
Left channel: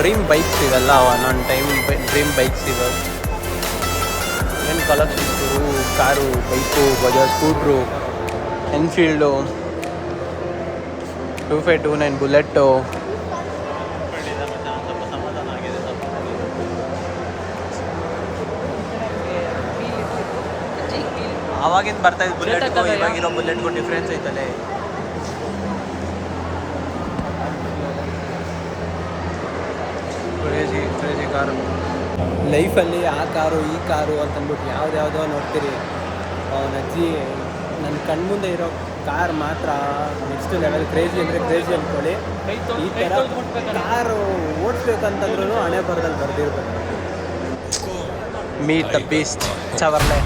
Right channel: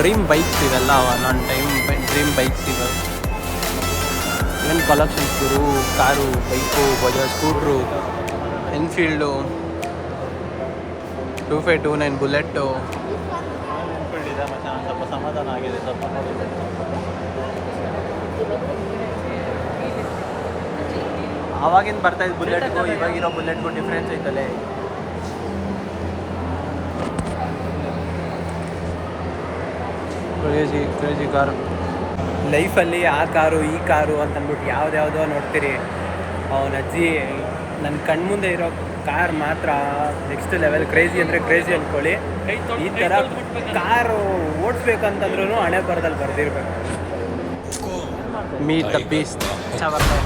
ಡ್ರೀಮ್ ಬೈಕ್ಸ್ ಇವೆಲ್ಲ ನನ್ನ ಟೈಮ್ ಡ್ರೀಮ್ ಬೈಕ್ಸ್ ಇವೆ. ಏನು ಕಲೆಕ್ಷನ್ಸ್ ಗುರು, car, bike, Bajaj scooter, Enfield, 2529 Bullet. ಆವಾಗಿಂದ ಬರ್ತಾಯಿದ್ದು ಬುಲೆಟ್ಗೂ ಇವಾಗಿರೋ ಬುಲೆಟ್ಗೂ ಡಿಫ್ರೆನ್ಸ್ ಐತಲ್ಲೇ. Crazy car. ಲೈಫಲ್ಲಿ ಆ ಕಾರು ಈ ಕಾರು ಅಂತಂದ್ಬಿಟ್ಟು ಯಾವ್ದ್ಯಾವುದೋ ನೋಡ್ತೀರಿ. ಅವನ ಅಜ್ಜಿ ನನ್ನ ಕಣ್ಮುಂದೆ ಇರೋ ಕಾರ್ ಮಾತ್ರ ನೆಕ್ಸ್ಟ್ ಲೆವೆಲ್. ಕ್ರೇಜಿ ಅಂದರೆ ಕ್ರೇಜಿ ಅಂದ್ಕೊಳ್ಳಿ. ಈ ಥರ ಕಾರು ಓಡಿಸ್ಬೇಕಂತಂದ್ರೂ ಹಣೆ ಬರದಲ್ಲಿ ಬರ್ದಿರ್ಬೇಕು. Meet the beast Chevrolet.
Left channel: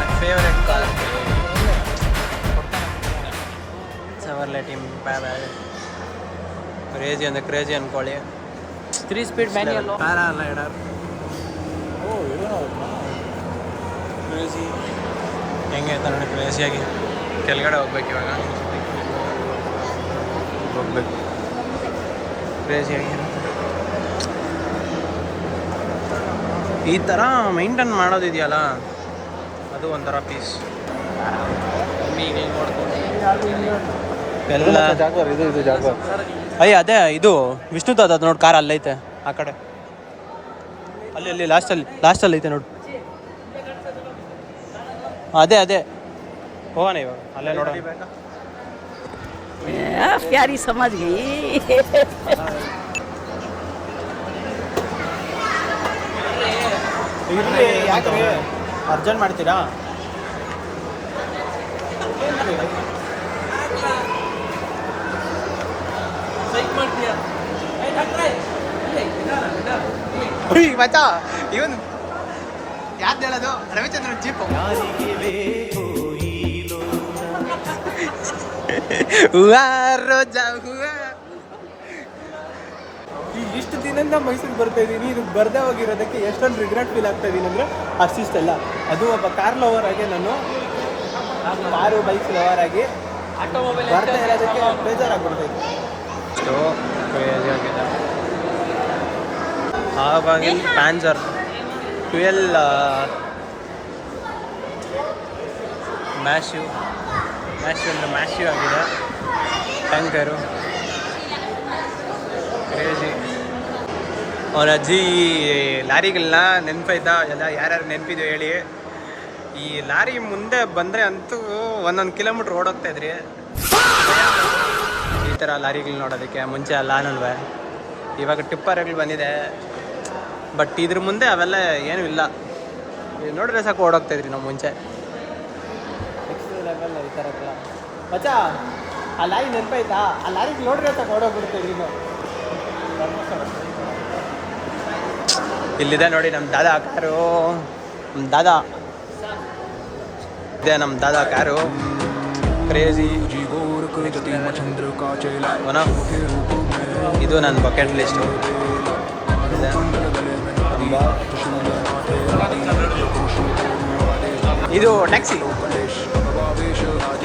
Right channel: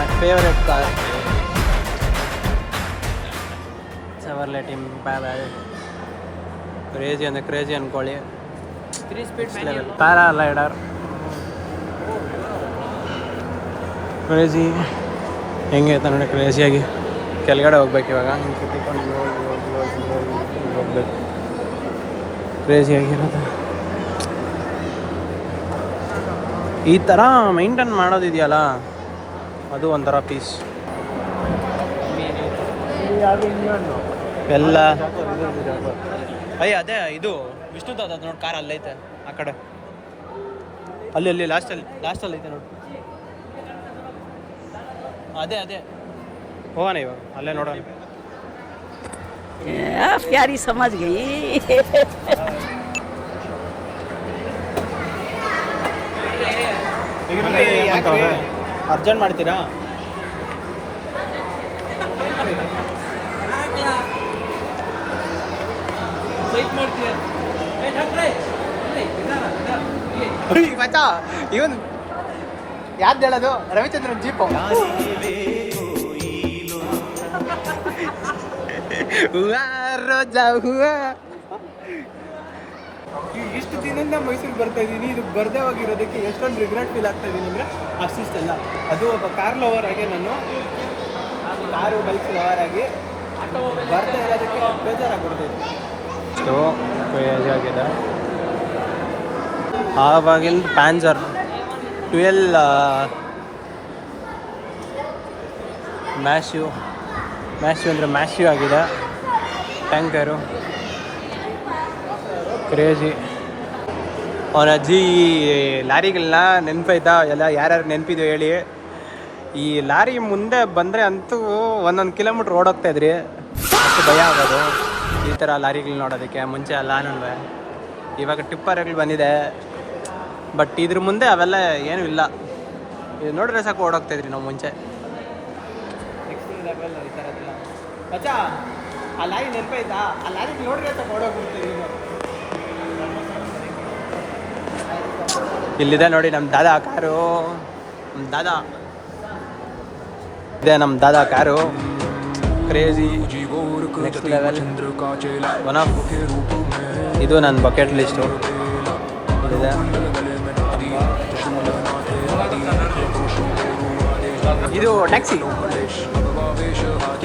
My favourite car Chevrolet team. Boy. Crazy ಅಂದರೆ ಕ್ರೇಜಿ ಅಂದ್ಕೊಳ್ಳಿ. 3 ಸ್ಪೀಡ್ ಪ್ಯಾರಾಲೈಡರ್ ಕ್ರೇಜಿ. ಹೆಂಗೆ ನೋಡಿ ಕ್ರೇಜಿಯಾಗಿ ಕೆಳಗಡೆ ಹೋಗ್ಬೇಕು. ಇವಾಗ ಹೋಗ್ಬೇಕು ಕ್ರೇಜಿಯಾಗಿರೋದು. ಈ ಥರ ಮೈಂಟೈನ್ ಮಾಡೋದಿದೆಯಲ್ಲ ಅದು ಒಂಥರ ಪೀಸ್. ಎಲ್ಲ ಇದು ಜಾಗ್ವಾರ್. ಅಯ್ಯ ಅದೇ ಇದು ವಿಷ್ಣುದಾದ ಅದು ನೋಡಿ ಕಾರ್ ಅಲ್ಲೈತೆ ಆ ಕಡೆ. ಅಲ್ಲಿ ಲಾಸ್ಟಲ್ಲಿ ಐತೆ ನೋಡಿ. ಅದೇ ಹೋಗೋಣ ಇವಾಗ ಅಲ್ಲೇ ನೋಡೋಣ. ಪ್ಯಾರಿ ಸಮಾಜ್ ಗೈ. ಅರ್ಜೆಂಟ್ ಮಾಡ್ತೀರಾ? ಮಚ್ಚಾ ಇವನು ಯಾರ್ದು ಹೇಳೋದು? ರವಿಚಂದ್ರನ್ ಜೀಪು. ಹೂವಾ ರೋಜಾ ಹೂವಾ. ಇಷ್ಟು ದಿನದಿಂದ ಮೈಸೂರಿಗೆ ಬರ್ತಾ ಇದ್ದೀನಿ. ಇದಕ್ಕೆ ಬರ್ದೇ ಹೋಗಿರೋದಕ್ಕೆ ಎಷ್ಟೊಂದು ರಿಗ್ರೆಟ್ ಫೀಲ್ ಆಗ್ತಾ ಇದ್ದೀನಿ ಅಂದರೆ ಅಷ್ಟಿಷ್ಟೆಲ್ಲ. ಅದು ಒಬ್ಬ ಕಾರ್ ಲವರ್ ಆಗಿ, ನಾನು ಕಾರು ಬೈಕ್ ಲವರ್ ಆಗಿ ಬರ್ತಾ ಇರೋದಕ್ಕೆ ಬೇಜಾರಾಗ್ಬಿಡ್ತಾಯಿತ್ತು. ಅಷ್ಟು ಕ್ರೇಜಿ ಆಗಿದೆ. ಆವಾಗಿಂದ ಪ್ಯಾನ್ಸರ್ 12 ಮ್ಯಾಶ್ಯೂ ಅಂದರೆ ಮ್ಯಾಶ್ಯೂ ಆಗಿದೆ. Tanker crazy. ಅವನ ಅಜ್ಜಿ ಲಾರಿಗಳನ್ನ ನೆನಪೈತಾ ಎಲ್ಲ? ಯಾರ್ಯಾರು ನೆನಪಿದೆ ಹೇಳಿ. ಈ ಲಾರಿ ಮುಂದೆ ಬಂದರೆ ಅಂತೂ 1 ಕಿಲೋಮೀಟ್ರ್ ಓಡೋಗ್ತಾಯಿದ್ರಿ. ಭಯ ಆಗೋದು ಈ ಥರ ಲಾರಿಗಳು ನೋಡೋದಕ್ಕೆ. ಮುಂಚೆ ಅಲ್ಲ ಇವಾಗ ಟಿಪ್ಪರ್ಗಳು ಬಂದಿದೆ, ಬಟ್ ಇದ್ರ ಮುಂದೆ ಅವೆಲ್ಲ ಏನೂ ಇಲ್ಲ. ಇದು ನೋಡಿದ್ರೆ ಸಾಕು ಓಡೋಗ್ತಾಯಿದ್ರಿ ನಾವು ಮುಂಚೆ. ನೆಕ್ಸ್ಟ್ ಲೆವೆಲ್ ಈ ಥರದ್ದೆಲ್ಲ. ಮಚ್ಚಾ ಆ ಲಾರಿ ನೆನಪಾಯ್ತಾ? ಆ ಲಾರಿಗೆ ನೋಡಿದ್ರೆ ಸಾಕು ಓಡೋಗ್ಬಿಡ್ತೀವಿ. ಇಲ್ಲಿದೆ ನೋಡಿ ನಮ್ಮ ದಾದಾ ಕಾರು. ನಮ್ಮ ದಾದಾ ಇದೆ, ನಮ್ಮ ದಾದಾ ಕಾರು. ಕ್ರೇಜಿ. ಇದು ನನ್ನ ಬಕೆಟ್ ಲಿಸ್ಟು ಇದೆ. ಇದು ಟ್ಯಾಕ್ಸಿ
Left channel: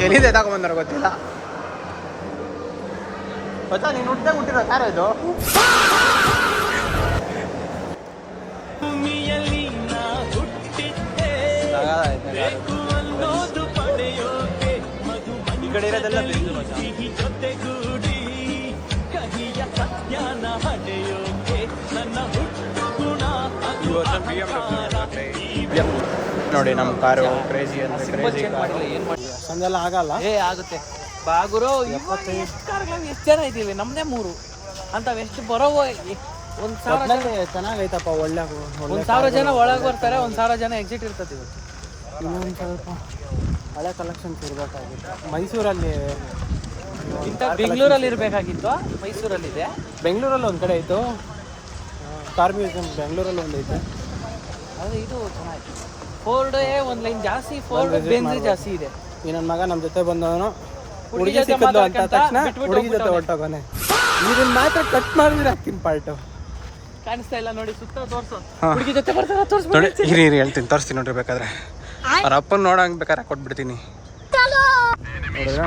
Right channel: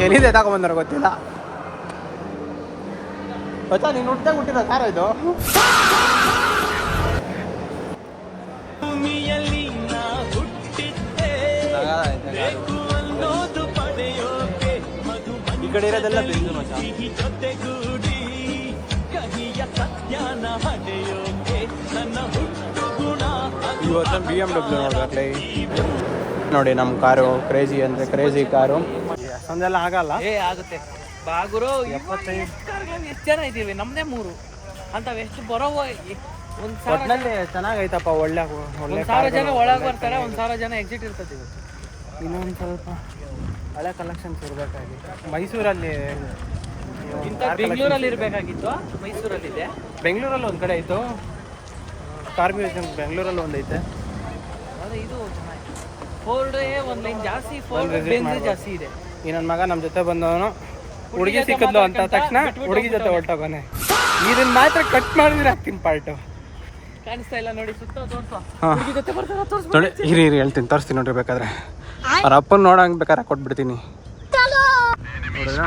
ಎಲ್ಲಿದೆ ತಗೊಂಬಂದ್ರೆ ಗೊತ್ತಿಲ್ಲ. ಗೊತ್ತಾ ನೀನು ಹುಟ್ಟಿದಾಗ ಹುಟ್ಟಿರೋ ಕಾರ್ ಇದು. ಈ ಕಡೆ ಇರೋದೆಲ್ಲ ಬೆಂದು ಮಚ್ಚಾ. ಇವತ್ತು BMW ನೋಡಿ ನಮ್ಮ ಕಾರು. ಕ್ರೇಜಿ ಅಂದರೆ ಕ್ರೇಜಿ ಕಾರು. ಅಷ್ಟೊಂದೆಲ್ಲ ಆಗಲ್ಲ. ಆಗುತ್ತೆ ಬಾಗುರು. 75 ಎಷ್ಟು ಜನ ಇದ್ದೀವಿ? ನಮ್ಮದೇ 3 ಅಂಥವು ಎಷ್ಟು ಬರೋ. ಒಟ್ಟಿನಲ್ಲಿ ಚೆನ್ನಾಗೈತಪ್ಪ. ಒಳ್ಳೆ 1,000 ಜನ ಒಳಗೆ ಬರ್ತಾರೆ, 1,000 ಜನ ಎಕ್ಸಿಟ್ ಇರ್ತದೆ. ಇನ್ನೊಂದು ಸ್ವಲ್ಪ ಹಳೆ ಕಲೆಕ್ಷನ್ಸ್ ಇರಬೇಕಾಗಿತ್ತು. ಮೈಸೂರಲ್ಲಿ ಬೆಂಗಳೂರಲ್ಲಿ ಇರಬೇಕಾಗಿತ್ತು. ಮೈಸೂರಲ್ಲಿದೆ. ಬೆಂಗಳೂರಲ್ಲಿ ಒಂದು ಕಡೆ ಇತ್ತು. ಕಾರ್ ಮ್ಯೂಸಿಯಂ ಬೆಂಗಳೂರಲ್ಲಿ ಒಂದೈತೆ. ಆದ್ರೆ ಇದು ಚೆನ್ನಾಗಿ ಫೋರ್ಡ್ ಒಂದು ಲೈನ್ ಜಾಸ್ತಿ, ಬಂದು visit ಬೆಂಜ್ ಮಾಡ್ಬೋದು. ಜಾಸ್ತಿ ಇದೆ. ಈ ನನ್ನ ಮಗ ನಮ್ಮ ಜೊತೆ ಬಂದವನು ಹುಡುಗಿ ಸಿಕ್ಕಿದ್ಲು ಅಂತ ತಕ್ಷಣ ಹುಡುಗಿ ಜೊತೆ ಹೊರಟೋಗೋನೆ. ಇದನ್ನ ಮಾತ್ರ ಕಟ್ ಮಾಡಿದ್ರೆ ಹಾಕ್ತೀನಿ ಪಾರ್ಟು. ಕಾಣಿಸ್ತಾ ಇಲ್ಲ ನೋಡಿ, ಸುತ್ತ ತೋರ್ಸು. ಹಾಂ ಹುಡುಗಿ ಜೊತೆ ಬರ್ತಾರ ತೋರ್ಸು. ನೋಡಿ ಹಿರಿ ಹೇಳ್ತೀನಿ, ತೋರಿಸ್ತೀನಿ ನೋಡ್ರಿ. ಬೇಕಾದ್ರೆ ಅವ್ರ ಅಪ್ಪನ ನೋಡಂಗೆ ಬೇಕಾದ್ರೆ ಕೊಟ್ಬಿಡ್ತೀನಿ. ನೋಡಿದ್ರ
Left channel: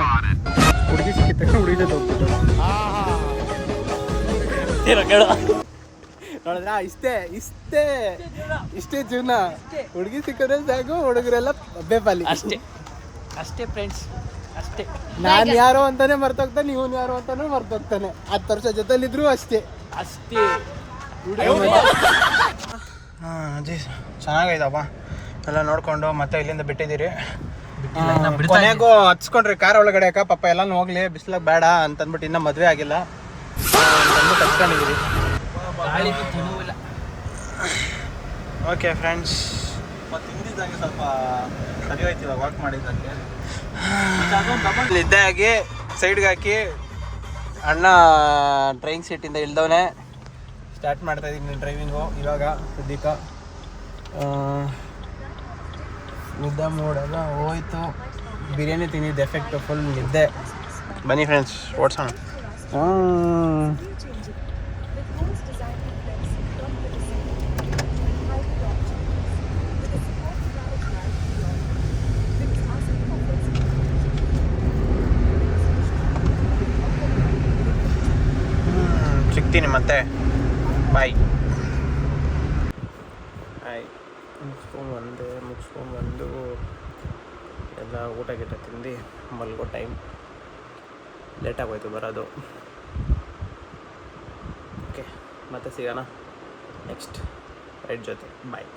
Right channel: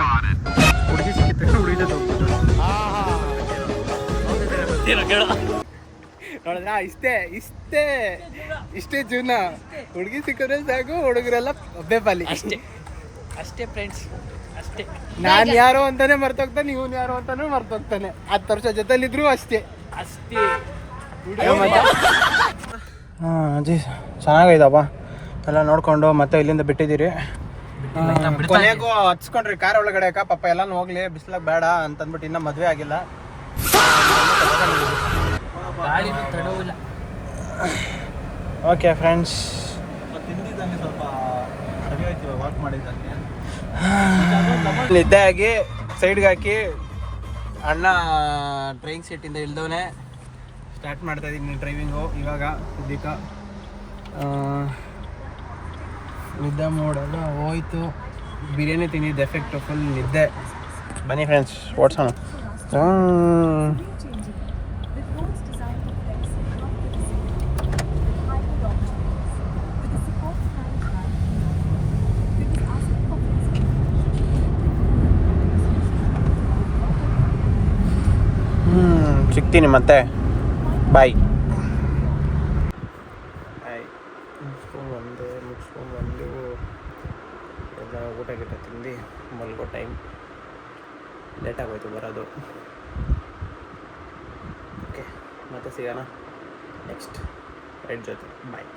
ಹುಡುಗಿ ಸಿಕ್ಕಿದ ತಕ್ಷಣ ಹುಡುಗಿ ಜೊತೆ ಹೋಗ್ಬಿಟ್ಟು ನೋಡಿದ್ರ ಇಷ್ಟೇ ಜೀವನ. ಹುಡುಗಿ ಸಿಕ್ಕಿದ್ರೆ ಸಾಕು, ಹುಡುಗರೆಲ್ಲ ಬೇಪಾಲಿ. ಅಷ್ಟೇ ಫ್ರೆಂಡ್ಸ್, ಅಷ್ಟೇ. ನಾನು ಯಾರೋ ಅಂತಾನೆ ಮರ್ತೋಗ್ತಾನೆ, ಇವನು ಯಾರೋ ಅಂತಾನೆ ಮರ್ತೋಗ್ತಾನೆ. 10 ವರ್ಷ ಜೊತೆಲಿದ್ರು ಅಷ್ಟೇ. ಹಾಂ ಅಜ್ಜಿ ಚೆನ್ನಾಗೈತಪ್ಪ ಎಲ್ಲ ನೋಡ್ಕೊಂಡು ಮತ್ತೆ ಇಲ್ಲಿಂದ ಬಿಟ್ಟಿದ್ದೀರಿ. ಕೊನೆಗೂ ಹಚ್ಕೊಂಡ್ರಿ ಕಾರ್ ಒಳಗಡೆ. ಪಾಪ ಎಲ್ಲಾನು ಹೋಗ್ಲಿ, ಬಿಸ್ಲಾಗ ಬೇಡ ಅಂತಂದ್ಬಿಟ್ಟು ಇನ್ನೂ ಮದುವೆ ಆಗಿಲ್ಲ. ಓಕೆ ಫ್ರೆಂಡ್ಸ್, ನಿದ್ದೆ ಆಗಿ ಸೈಡ್ಗೆ ಹಾಕಿ ಅಣ್ಣ ಡ್ರೈವಿಂಗ್ ಸೀಟಿಂದ ಇಳ್ದವನೇ ಸ್ಟಾರ್ಟ್ ಮಾಡ್ತಾ ಇದ್ದೀನಿ ಡ್ರೈವಿಂಗು. ಇವಾಗ ಸದ್ಯಕ್ಕೆ ನಿದ್ದೆ ಮೂಡೆಲ್ಲ ಹೋಯ್ತು. ಬಿರಿಯಾನಿ ತಿಂದಿದ್ದು ಎಫೆಕ್ಟು, ಫುಲ್ ನಿದ್ದೆ. ಬನ್ನಿ ಫ್ರೆಂಡ್ಸ್ ಓಡಿಸೋಣ. ಸಿಗ್ತೀನಿ ಮತ್ತೆ, ಬಾಯ್. ಮುಗಿಸ್ಕೊಂಬಂದು ಎಲ್ಲ ಊಟ ಗಿಟ ತಿಂದು ಮಲ್ಗೋ ಟೈಮ್ ಲೇಟಾಗೋಯ್ತು ಬರೋದು. ಓಕೆ ಮತ್ತೆ ಸಿಗೋಣ ನೆಕ್ಸ್ಟ್ ರೈಡ್ ಜೊತೆ. ಬಾಯ್.